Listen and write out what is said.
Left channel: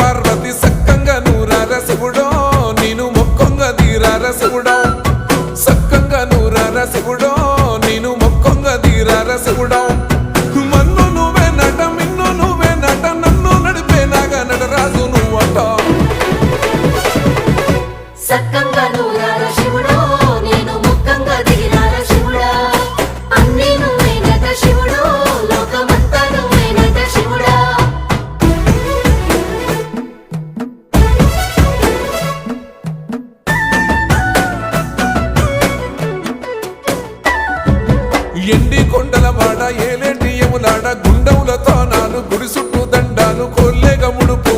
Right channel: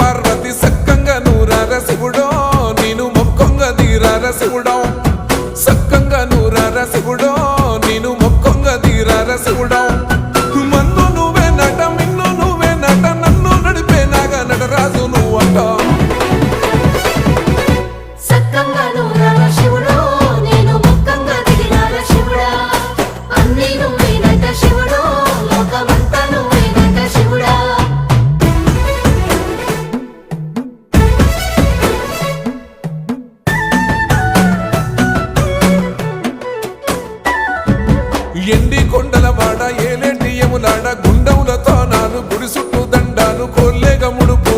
పార్వతి సక్కంగా నూరార శివుడో నేను మొక్కొంగ దీరార శివుడో సక్కంగా నూరార శివుడో నేను మొక్కొంగ దీరార శివుడో మన్ను నువ్వే నట మిన్ను నువ్వే నట నన్ను నడిపే నాగ నటరాజు నువ్వంట ఎండి కొండలవాడ ఏలేటి యములాడ గుండములతో నాలు గుడి చుట్టూ దండాలు కొల్లేగముడు